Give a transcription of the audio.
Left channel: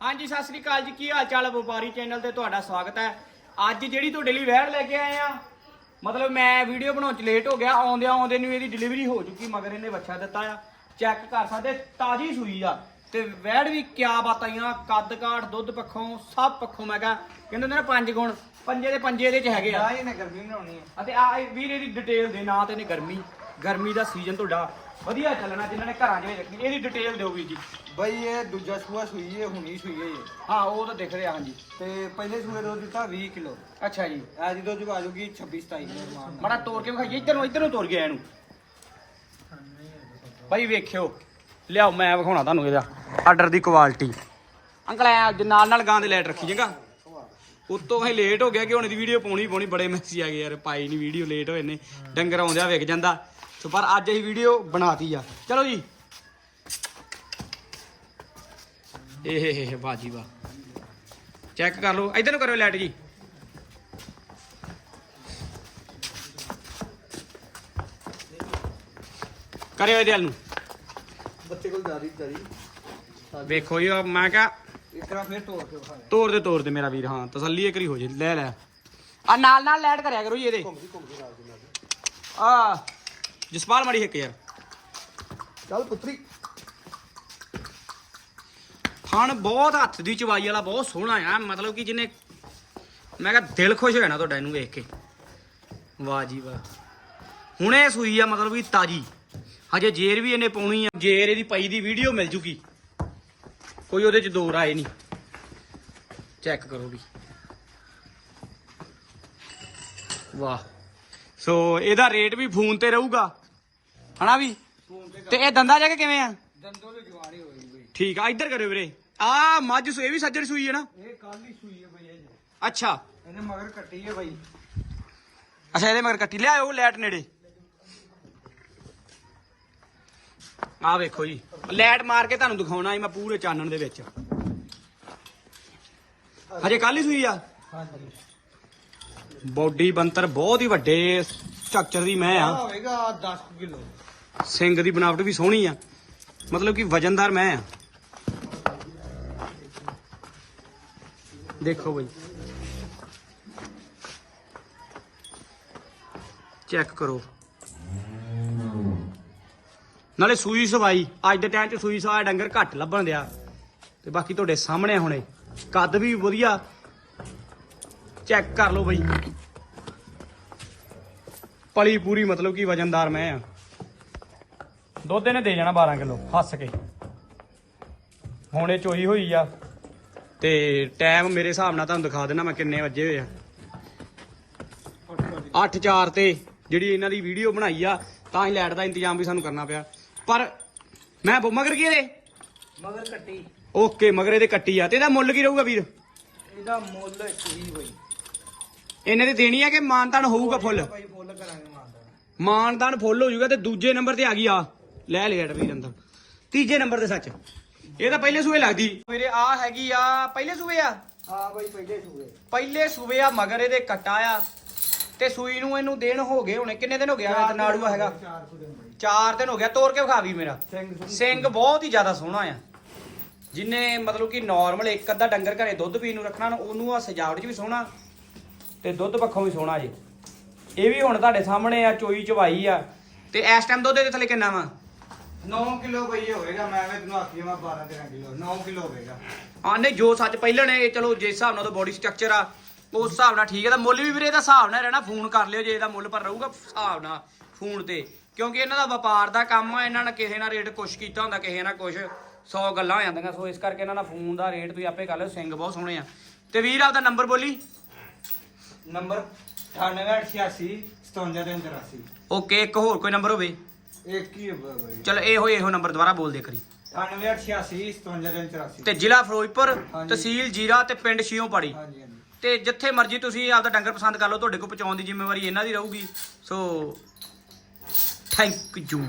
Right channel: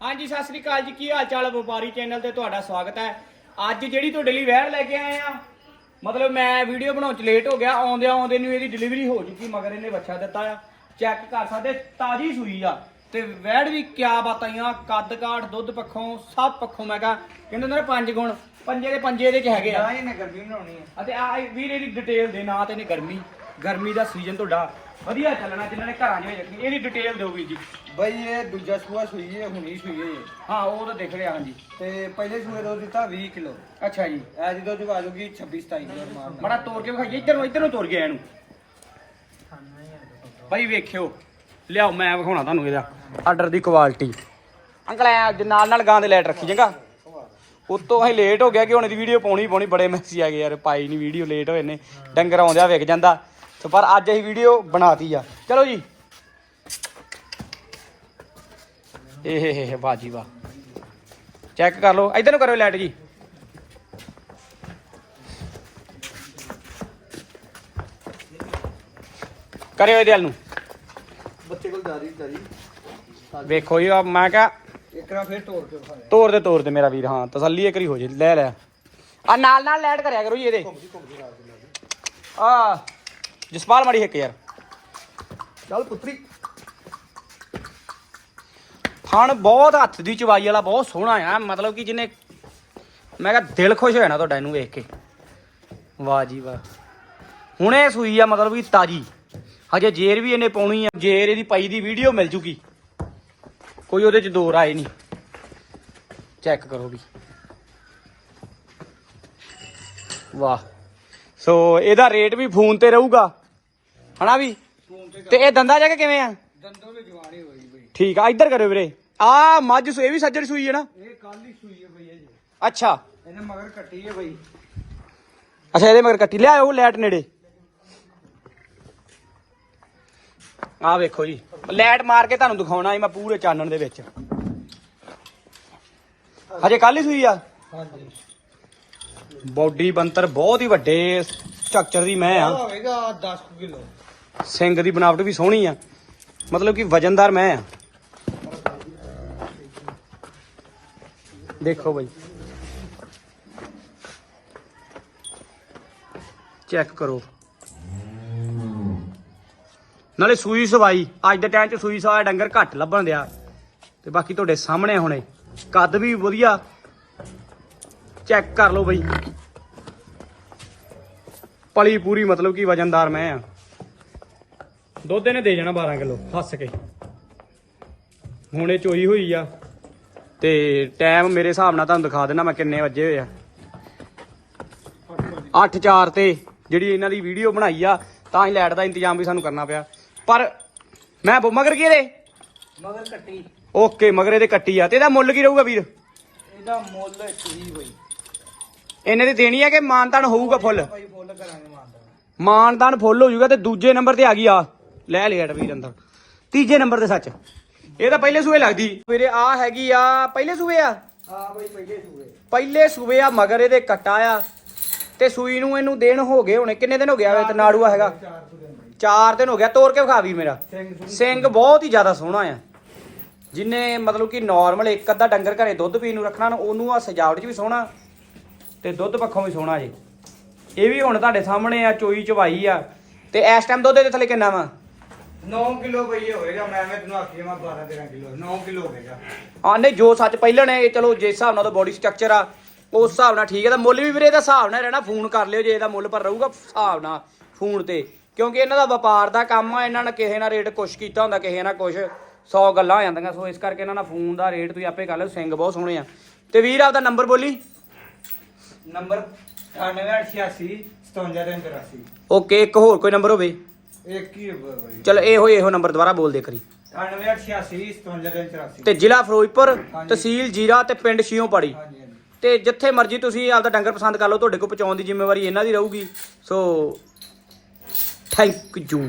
ਹਾਂਜੀ ਸਤਿ ਸ੍ਰੀ ਅਕਾਲ ਜੀ। ਕੀ ਹਾਲ ਚਾਲ ਵਪਾਰੀ ਚੈਨਲ ਤੇ? ਤੁਹਾਡਾ ਸਵਾਗਤ ਹੈ। ਅੱਜ ਜਿਹੜੀ ਤੁਹਾਡੇ ਲਈ ਵੈੜ ਲੈ ਕੇ ਆਏ ਆ ਮਤਲਬ ਮੈਂ ਵੀਡੀਓ ਬਣਾਉਣ ਚ ਲੇਟ ਹੋ ਗਿਆ ਆਉਂਦਿਆਂ ਆਉਂਦੇ ਨੂੰ ਇਹਦੀ ਡਿਲੀਵਰੀ ਹੋ ਚੁੱਕੀ ਮਗਰ ਇਹਨੇ ਬੱਚਾ ਦਿੱਤਾ ਆ। ਚੈੱਕ ਕਰ ਸਕਦੇ ਤਾਜ਼ੀ ਸੂਈ ਆ। ਤੇ ਵੈੜ ਵੀ ਕਿਆ ਬਾਤਾਂ ਕੱਦ ਕਾਠ ਦੁੱਧ ਪੱਖੋਂ ਸਭ ਪੱਖੋਂ ਮੈਂ ਕਹਾਂ ਕਹਿੰਦੇ ਹੁੰਦੇ ਨੇ ਪੰਜ ਗੁਣ ਪੰਜੇ ਦੇ ਪੰਜੇ ਇਹਦੇ ਚ ਹੈਗੇ ਆ। ਨਾ ਗਰਮੀ ਬਣਾਉਣੀ ਹੈ ਅਤੇ ਆ ਵੀਰ ਇਹਦੀ ਡਿਟੇਲ ਦੇ ਨਾਂ ਤੇ ਨੇ ਗਰਮੀ। ਗਰਮੀ ਦਾ ਸੀਜ਼ਨ ਤੁਹਾਡਾ ਵਧੀਆ ਚੱਲਣਾ ਜਿਨ੍ਹਾਂ ਨੇ ਘਰਾਂ 'ਚ ਵੀ ਰੱਖਣੀ ਇਹਦੀ ਡਿਟੇਲ ਦਿਓ ਵੀਰ ਜੀ। ਬਈ ਇਹ ਦੂਜਾ ਸੂਆ ਸੂਈ ਹੈ ਹੁਣੀ ਸੂਈ ਹੈ ਇਹ। ਹਾਂ ਉਹ ਤਾਂ ਦਿਖ ਰਿਹਾ ਹਾਂਜੀ। ਤੇ ਪਹਿਲੇ ਸੂਏ ਦੁੱਧ ਦਿੱਤਾ 20 ਕਿਲੋ। ਅੱਛਾ ਜੀ। ਐ ਦੀ ਦੁੱਧ ਆ ਜਾਊਗੀ 26 27 ਕਿਲੋ ਰਮਾਨ ਬੜਾ ਤੋੜ ਕੇ ਵਿਖਾਈਏ ਇੱਧਰ ਨੂੰ ਇੱਧਰ ਨੂੰ ਤੋੜ ਗਿਆ ਇਹਨੂੰ ਭਾਈ ਵੇਖਿਓ ਲਿਆਓ ਮੈਂ ਵਿਖਾਉਣਾ ਤੁਹਾਨੂੰ ਇਹਦਾ। ਆਰਡਰ ਦੀ ਕੁਆਲਿਟੀ ਅੰਕਲ ਐ ਅੱਜ ਨਾਲ ਨਾਲ ਗਾਂ ਦੇ ਲੈਟ ਰੱਖੀ ਚੰਗਾ। ਉਤੋਂ ਅਸੀਂ ਲੇਟ ਹੋ ਗਿਆ ਕਿ ਹੁਣ ਇਹਦੀ ਵੀਡੀਓ ਪਾਉਣੀ ਪਾਉਣੀ ਬੜੇ ਮੈਸੇਜ ਆ ਗਏ ਯਾਰ ਪਾਈ ਨਹੀਂ ਵੀਡੀਓ ਲੇਟ ਹੋਏ ਨੇ। ਡੰਗਰ ਆਉਂਦਿਆ ਵਿਕ ਜਾਂਦਾ। ਤੇ ਪਰ ਅੱਜ ਅਸੀਂ ਵੀਡੀਓ ਬਣਾਤੀ ਆ। ਚਲੋ ਜੀ। ਇਹ ਬਾਜੀ ਵਾਹ ਚੈੱਕ ਕਰ ਲਓ। ਇਧਰ ਨੂੰ ਕਰੋ ਲਾਈਟ ਜੀ। ਕਰਿਓ ਇਹਦੇ ਵੱਲ ਨੂੰ। ਬੱਚੇ ਕੋਲ ਜਾਰੀ ਜਾਰੀ ਵੇਖੋ ਜੀ ਆਹ ਮੈਂ ਕਿਹਾ ਇੱਕ ਵਾਰ ਫੇਰ ਤੋੜ ਕੇ ਵਿਖਾ ਦੇ। ਤੋੜ ਦੇ ਤੋੜ ਦੇ ਮੇਰਾ ਵੀਰ ਹਾਂ ਤਸੱਲੀ ਇੱਕ ਵਾਰੀ ਹੋ ਜੇ ਲੈ ਲੈ। ਆ ਨਾਲ ਨਾਲ ਲੈਟ ਕਰਿਆ ਕਰੋ ਜੀ ਇਹਦੇ। ਆ। ਜਸਪਾਲ ਮਾੜੀ ਇੱਕ ਯਾਰ। ਚੱਲ ਪੁੱਤਰੀ। ਫਣ ਬਹੁਤ ਹੱਥ ਦੀ ਚਵਾਈ ਵਾਲਾ ਬਹੁਤ ਸੋਹਣਾ ਆ। ਮਤਲਬ ਕਿ ਜਿਹਨੇ ਮੈਂ ਕਿਹਾ ਦਿਲ ਖੁਸ਼ ਹੋ ਜਾਣਾ ਤੁਹਾਡਾ ਇਹਨੂੰ ਵੇਖ ਕੇ। ਵਾਹ ਜੀ ਵਾਹ। ਹੁਣੇ ਸੂਈ ਆ ਮਤਲਬ ਕਿ ਤਾਜੀ। ਹਜੇ ਜੇਰ ਵੀ ਇਹਨੇ ਪਾਉਣੀ ਆ। ਜੇਰ ਇਹਦੀ ਪਈ ਦੀ ਵੀਡੀਓ ਮਿਲ ਜੂਗੀ। ਕੋਈ ਉਹਦੇ ਚ ਦੋ ਰਾਏ ਨਹੀਂ। ਚੈੱਕ ਕਰੋ ਵੀ। ਵਾਹ। ਸੋ ਇਹਦਾ ਰੇਟ ਵੀ ਫੋਨ ਤੇ ਰਹੂਗਾ। ਹਨਾ ਵੀ? ਤੇ ਇਹ ਦੰਦਾ ਜਾ ਕੇ ਕਿਵੇਂ ਆ? ਦੰਦੋਂ ਦੇ ਜਵਾਨੀ ਹੋਈ ਬਈ। ਠੀਕ ਆ ਇੱਧਰ ਕਰਿਓ ਵੀਰੇ। ਆ ਮੱਝ ਸੂ ਇਹ ਵੀ ਸੱਜਰ ਸੂਈ ਹੈ ਨਾ? ਇਹ ਕੱਲ ਹੀ ਸੂਈ ਹੈ ਬਈ ਇਹ ਅੱਛਾ। ਇਹਨੇ ਮਗਰ ਕੱਟੀ ਹੈ ਬਈ। ਅੱਛਾ ਇਹਦੇ ਮਗਰ ਕੱਟੀ। ਲਿਆਓ ਉਹ ਲੈਟ ਨੇੜੇ। ਆ ਵੇਖੋ ਜੀ। ਲੈਟ ਮਾਰ ਕੇ ਤੁਹਾਨੂੰ ਦਿਖਾਉਣਾ ਮੈਂ ਪੂਰੇ ਚਾਨਣ ਦੇ ਵਿੱਚ। ਹਜੇ ਕੱਲ ਹੀ ਸੂਈ ਆ? ਹਾਂਜੀ। ਬੋਡੀ ਬੰਤਰ ਬਹੁਤ ਹੀ ਵੱਡੇ ਸਟਰਕਚਰ ਦੀ ਮੈਂ ਆ। ਹੋਵੇਗਾ 10 ਕਿਲੋ। ਸਿੰਘ ਦੀ ਬਣਾਵਟ ਵੀ ਸੋਹਣੀ ਆ। ਮਤਲਬ ਕਿ ਵਜਨਦਾਰ ਮੈਂ ਆ। ਦੇਖੋ ਬਈ। ਚੈੱਕ ਕਰੋ। ਨਾਲੇ ਸੂਈ ਸਵਾਈ। ਅੱਜ ਦੇ ਟਾਈਮ 'ਚ ਸੂਈ ਸਵਾਇਆ ਡੰਗਰ ਘੱਟ ਲੱਭਣ ਦਿਆ। ਤੇ ਬਾਕੀ ਤੁਹਾਡੇ ਸਾਹਮਣੇ ਹੁਣੇ। ਕੱਦ ਵੀ ਵਧੀਆ। ਚੈੱਕ ਕਰ ਲਓ ਬਈ। ਪਲੀ ਪੂਰੀ ਮਤਲਬ ਕਿ ਵਜਨਦਾਰ ਮੈਂ ਆ। ਦੁੱਧ ਇਹਨੇ ਦੇ ਜਾਣਾ 12 ਕਿਲੋ ਹੱਸ ਕੇ। ਹੁਣੇ ਚੋਈ ਹੋਈ ਆ। ਤੇ ਟਾਈਮ ਮੇਰੇ ਹਿਸਾਬ ਨਾਲ ਤੁਹਾਨੂੰ ਦਿਖਾ ਦੇਣਾ ਮੈਂ ਕਿੰਨੇ ਵਜੇ ਹੋਏ ਆ। 8-4 ਤੇ ਜਿਹੜੀ ਇਹਨਾਂ ਦੀ ਵੀਡੀਓ ਬਣਾਈ ਆ ਤਾਂ ਹੀ ਲਾਈਟ ਦਾ ਇੰਤਜ਼ਾਮ ਵੀ ਸਾਨੂੰ ਕਰਨਾ ਪਿਆ। ਪਰ ਮੈਂ ਬੋ- ਮਗਰ ਕੀ ਮਗਰ ਕੱਟੀ। ਓਕੇ ਮਗਰ ਇਹਦੇ ਕੱਟੀ ਆ। ਤੇ ਇਹਦਾ ਮੁੱਲ ਕੀ ਰਹੂਗਾ ਵੀਰ? ਇਹਦਾ ਮੁੱਲ ਹੀ ਬਈ ਇਹਨੇ ਤੇ ਦੇਣੀ ਆ ਕਿ ਮਾਨਤਾਨ ਹੋਊਗਾ ਫੁੱਲ? ਭਾਈ ਫੁੱਲ ਕਰਾਂਗੇ ਮਾਰਦਾ ਮਾਨਦਾਨ ਫੁੱਲ ਹੋ ਜਾਊਗਾ ਤੇ ਦੂਜੇ ਨੰਬਰ ਤੇ ਆ ਗਈ ਆ। ਲੈ ਲਿਆ ਵੀਰ ਅੰਦਰ। ਤੀਜੇ ਨੰਬਰ ਤੇ ਸੱਚ। ਇਹ ਤਾਂ ਪਹਿਲੇ ਸੂਏ ਲੱਗਦੀ। ਵੀਰੇ ਆ ਹੈਗੀ ਆ ਪਹਿਲੇ ਸੂਏ ਆ? ਹਾਂ ਬਈ ਪਹਿਲੇ ਸੂਏ। ਪਹਿਲੇ ਸੂਏ ਆ ਮਗਰ ਇਹਦੇ ਕੱਟਾ ਆ। ਤੇ ਸੂਈ ਨੂੰ ਇਹਨੂੰ ਦਿਨ ਹੋ ਗਏ ਹੁਣੇ। ਕਿੰਨੇ ਦਿਨ ਹੋ ਗਿਆ ਤੇ ਨਾੜੂਆ ਹੈਗਾ? ਚਾਰ ਸੂਏ ਬਈ। 4 ਦਿਨ ਹੋ ਗਿਆ ਤੋੜ ਕੇ ਵਿਖਾ ਵੀ ਮੇਰਾ। ਸਿੰਘ ਬਹੁਤ ਹੀ ਜ਼ਿਆਦਾ ਸੋਹਣਾ ਆ। ਜਿਨੇ ਮਤਲਬ ਕਿ ਨਾਰਮਲ ਇੱਕ ਅੱਧਾ ਡੰਗਰ ਘਰੇ ਦੁੱਧ ਪੀਣ ਨੂੰ ਰੱਖਣਾ ਨਾ, ਉਹਨੂੰ ਆ ਸਜਾਵਟ 'ਚ ਵੀ ਸੋਹਣਾ ਤੇ ਦੁੱਧ ਪੱਖੋਂ ਵੀ ਸੋਹਣਾ ਜੇ ਇਹ ਵੀ ਹੁਣ ਤੁਹਾਡੇ ਸਾਹਮਣੇ ਆ ਚੋਈ ਚਵਾਈ ਆ। ਤੇ ਇਸ ਟਾਈਮ ਦੁੱਧ ਦੇ ਥੱਲੇ ਕਿੰਨਾ ਵਾ? 9 ਕਿਲੋ ਇਹ ਹੋਏਗਾ ਮੈਂ ਐਵੇਂ ਤੈਨੂੰ ਆਖੀ ਮੈਂ 12 13 ਕਿਲੋ 9 ਕਿਲੋ ਹੋਵੇਗਾ ਆ ਨਹੀਂ ਜੋ ਸੱਚ ਪਹਿਲਾਂ ਨੇ ਇਹ ਚਲੋ ਜਿਸ ਹਿਸਾਬ ਨਾਲ ਉਹਦਾ ਬੋਡੀ ਸਟਰਕਚਰ ਆ ਉਸ ਹਿਸਾਬ ਨਾਲ ਠੀਕ ਹੈ ਤਾਂ ਮੁੱਲ ਵੀ ਵੀਰੇ ਇਹਦਾ ਹਿਸਾਬ ਨਾਲ ਰਹਿਣਾ ਫੋਨ ਕਰ ਲਿਓ ਜੇ ਇਹਦਾ ਮੁੱਲ ਪਰ ਰਹੂਗਾ ਹਿਸਾਬ ਨਾਲ ਫੋਨ ਤੇ। ਕਿਉਂਕਿ ਇਹਨਾਂ ਦਾ ਵਪਾਰ ਦਾ ਕੰਮ ਆ ਇਹਨਾਂ ਨੇ ਕਿਸੇ ਨਾਲ ਰੇਟ ਕੁਛ ਕੀਤਾ ਹੁੰਦਾ ਕਿਸੇ ਨਾਲ ਕੁਛ 100 ਗੱਲਾਂ ਹੋ ਜਾਂਦੀਆਂ ਸੋ ਇਸ ਕਰਕੇ ਇਹਨਾਂ ਨਾਲ ਫੋਨ ਦਾ ਰੇਟ ਤੁਸੀਂ ਆਪੇ ਕਰ ਲਿਓ ਸਿੰਘ ਬਹੁਤ ਸੋਹਣੇ ਆ। ਤੇ ਵੀਰ ਆਪਦਾ ਨੰਬਰ ਬੋਲੀ। ਨੰਬਰ 9886 5783 ਓਕੇ ਇੱਕ ਹੋਰ ਕੋਈ ਨੰਬਰ ਹੋਵੇ। ਇੱਕ ਹੀ ਹੈ ਬਈ। ਚਲ ਇਹੋ ਇਹੋ ਨੰਬਰ ਦੁਬਾਰਾ ਬੋਲ ਦੇ ਕਰੀ 9886 5783 ਤੇ ਜ਼ਿਲ੍ਹਾ ਫਿਰੋਜ਼ਪੁਰ। ਤਹਿਸੀਲ ਜੀਰਾ ਤੇ ਪਿੰਡ ਸ਼ੀਓਂ ਪਾੜੀ ਹਾਂਜੀ ਹਾਂਜੀ। ਤੇ ਜਿੱਥੇ ਮਰਜ਼ੀ ਤੁਸੀਂ ਆਪਦਾ ਡੰਗਰ ਪਸੰਦ ਕਰ ਲਓ ਤੁਹਾਡੇ ਕੋਲ ਪਹੁੰਚਾਉਣ ਦੀ ਜ਼ਿੰਮੇਵਾਰੀ ਇਹਨਾਂ ਦੀ ਰਹੂਗੀ। So thank you